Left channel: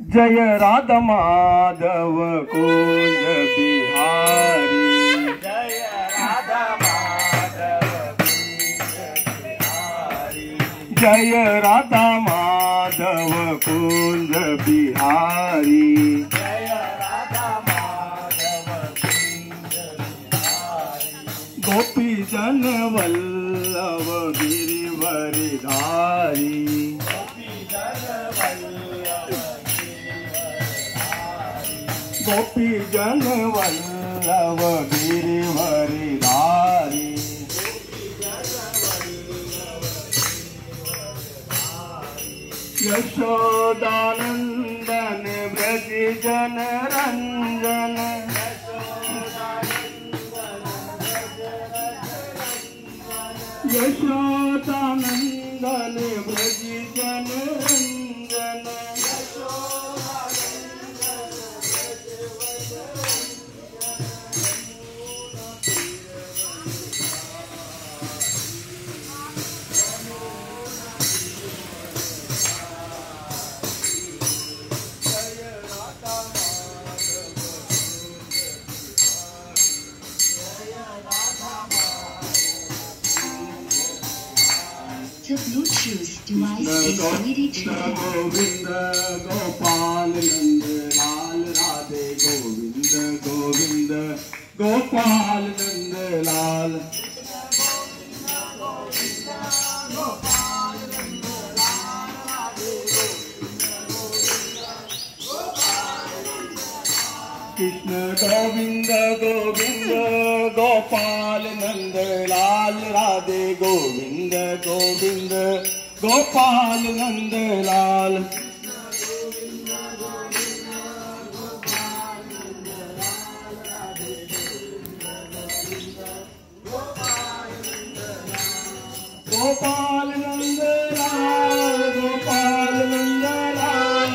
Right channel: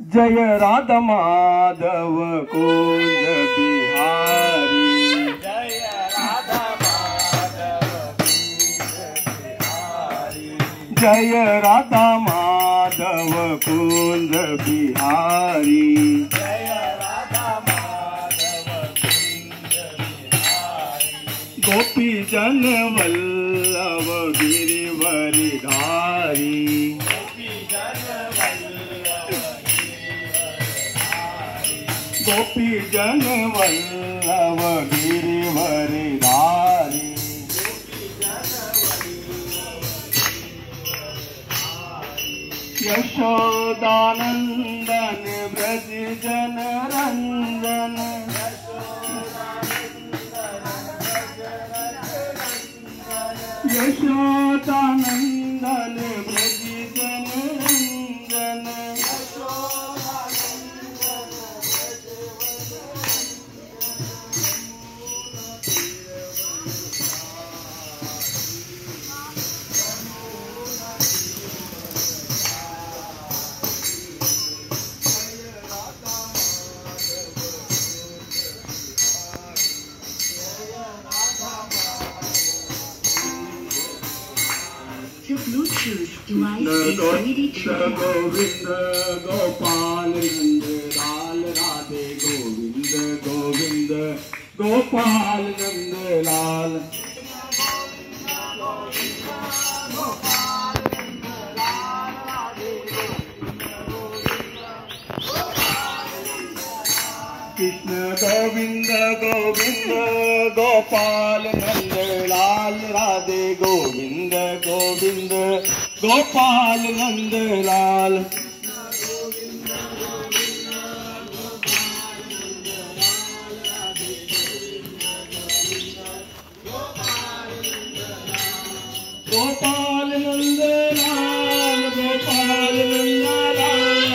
जय राधा माधव कुंज बिहारी, जय राधा माधव कुंज बिहारी, जय राधा माधव कुंज बिहारी, जय राधा माधव कुंज बिहारी। गोपी जन वल्लभ गिरिवरी धारी, गोपी जन वल्लभ गिरिवरी धारी, गोपी जन वल्लभ गिरिवरी धारी, यशोदानंदन ब्रज जन रंजन, यशोदानंदन ब्रज जन Ranjan, The Bluetooth device is ready to pair. Govind Gopal Nand Lal Radhe Govind Govind Gopal Nand Lal, Krishna Govind Govind Gopal Nand Lal Radhe Govind Govind Gopal Nand Lal, Gopal Nand Lal Gopal Nand Lal,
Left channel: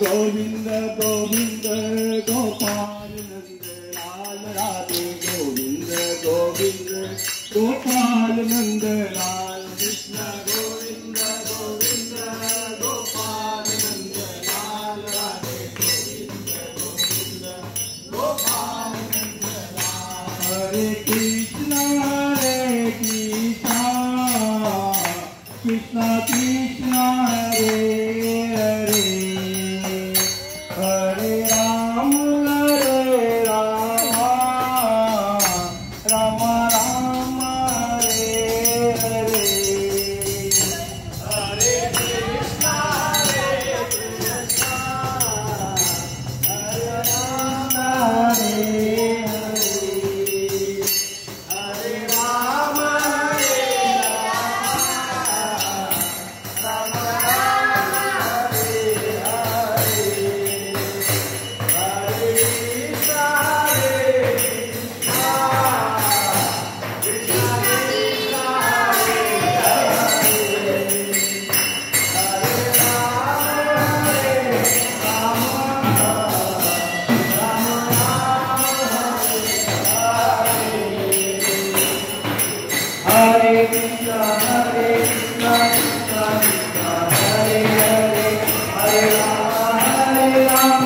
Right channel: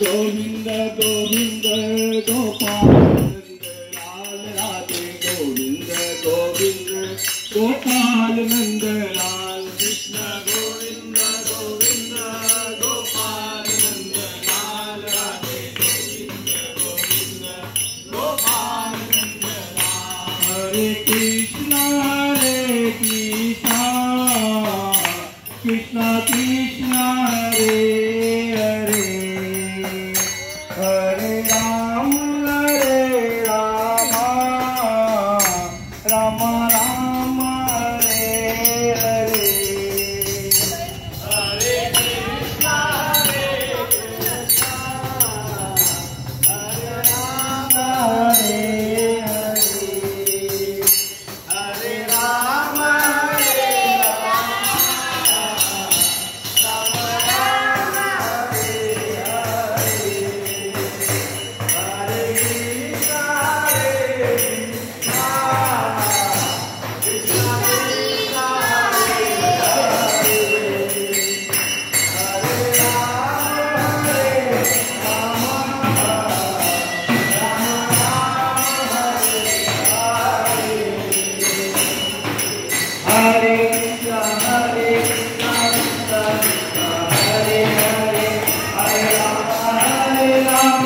Govind Govind Gopal Nand Lal Radhe Govind Govind Gopal Nand Lal, Krishna Govind Govind Gopal Nand Lal Radhe Govind Govind Gopal Nand Lal, हरे कृष्णा कृष्णा कृष्णा हरे हरे, हरे राम राम राम हरे हरे, हरे कृष्णा हरे राम हरे हरे, हरे राम राम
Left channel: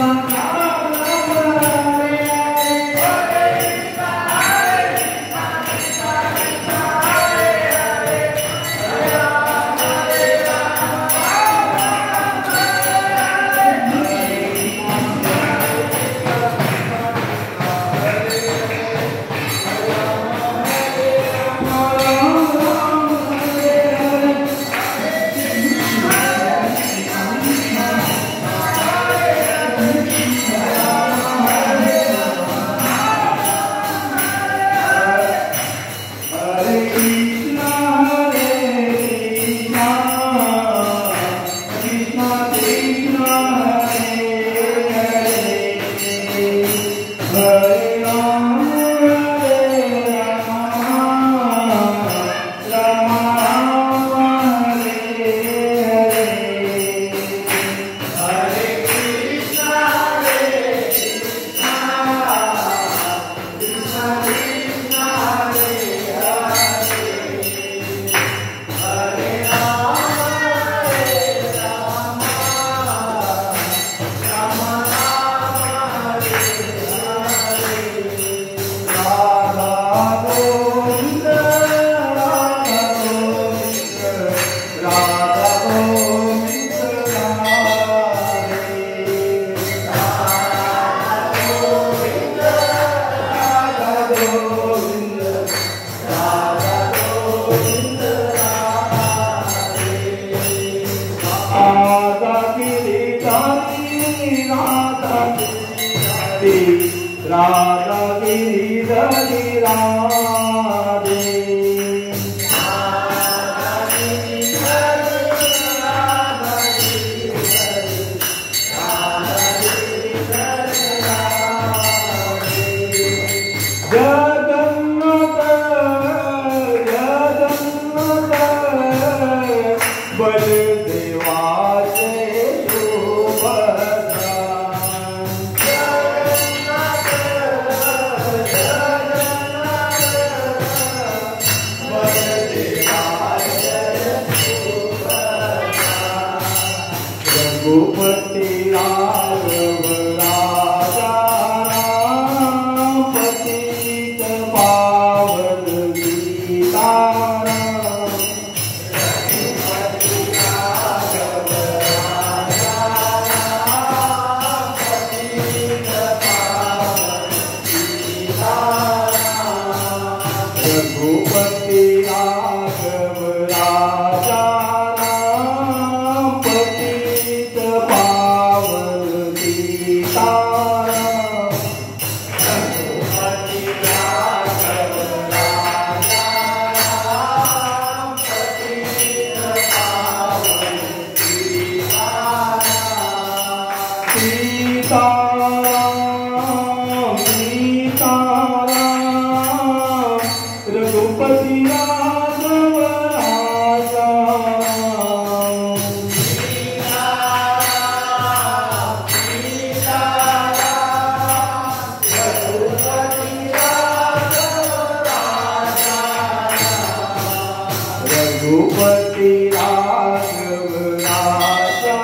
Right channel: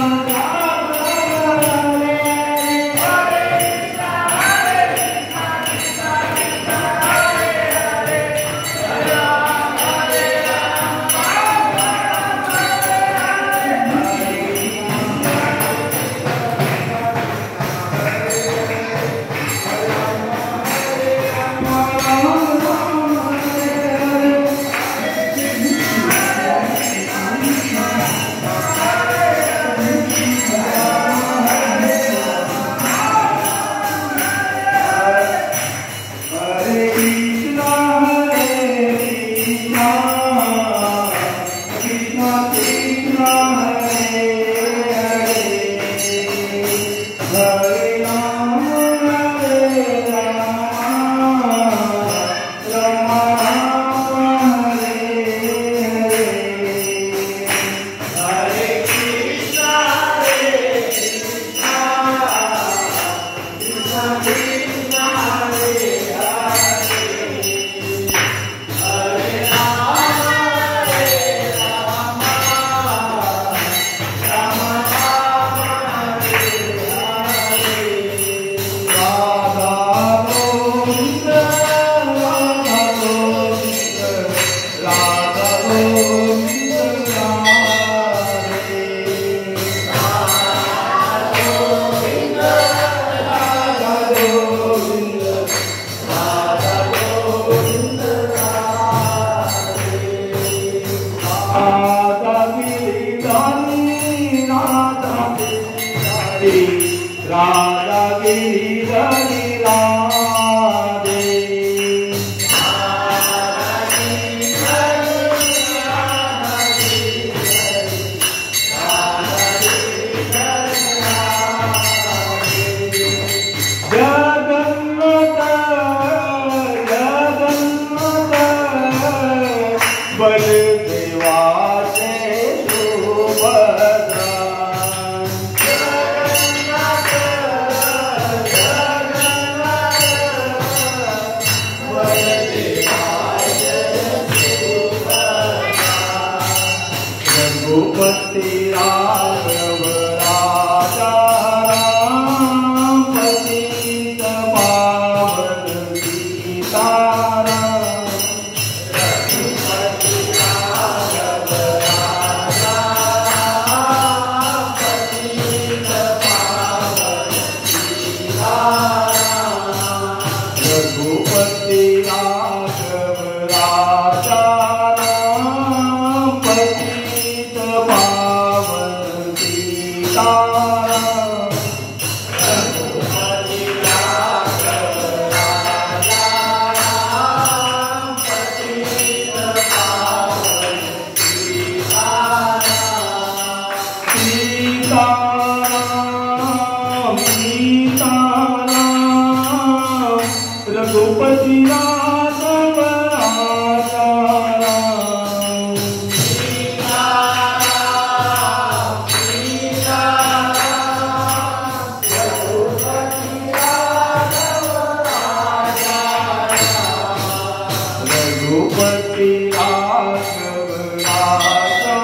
गिरिधरि राधे बलदेवाचे सुभद्रा रघुपति राघव राजा राम पतित पावन सीताराम रघुपति राघव राजा राम पतित पावन सीताराम रघुपति राघव राजा राम पतित पावन सीताराम सीताराम सीताराम रघुपति राघव राजा राम रघुपति राघव राजा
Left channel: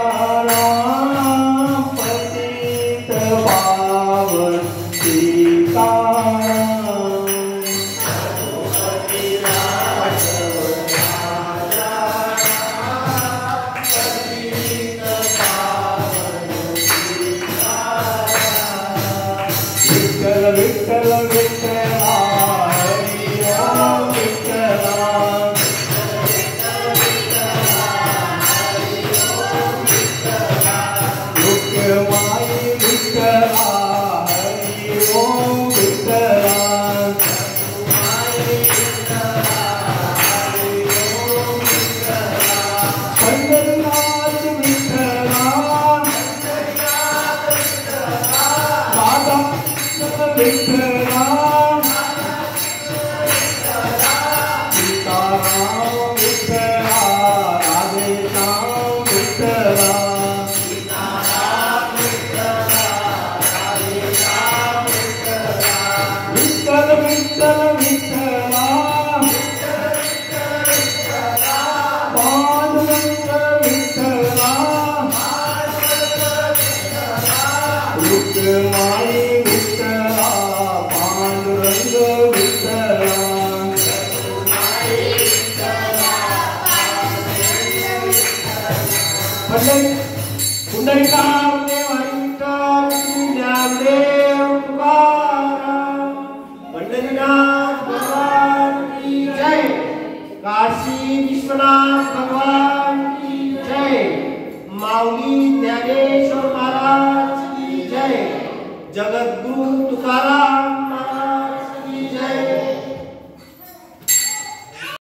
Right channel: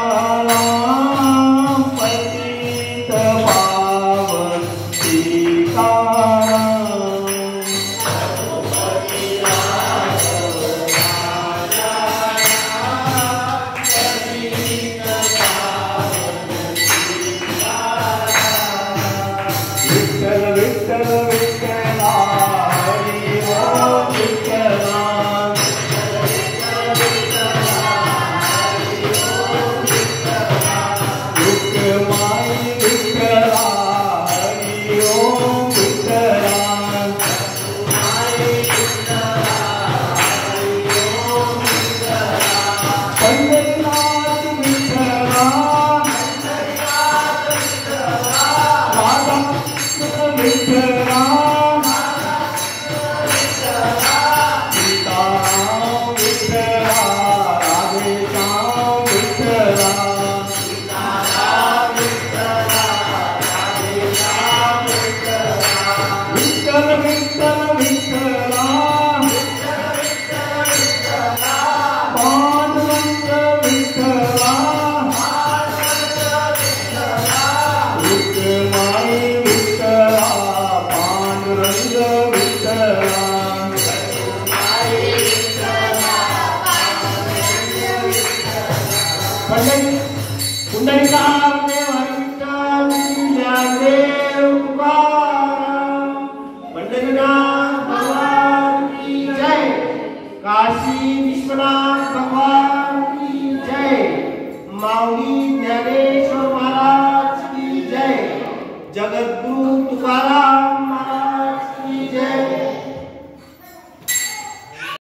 राम पतित पावन सीताराम विठ्ठल विठ्ठल विठ्ठला हरी ओम विठ्ठला रुक्माई विठ्ठला हरी ओम विठ्ठला पंढरीनाथ विठ्ठला राधा विठ्ठला सीताराम विठ्ठला राधेश्याम विठ्ठला विठ्ठल विठ्ठल विठ्ठला पांडुरंग विठ्ठला रुक्माई विठ्ठला पांडुरंग विठ्ठला पुंडलिकादेव विठ्ठल ज्ञानदेव तुकाराम पंढरीनाथ भगवान की जय काशी विश्वनाथ भगवान की जय माऊली ज्ञानेश्वर महाराज की जय जगद्गुरु तुकाराम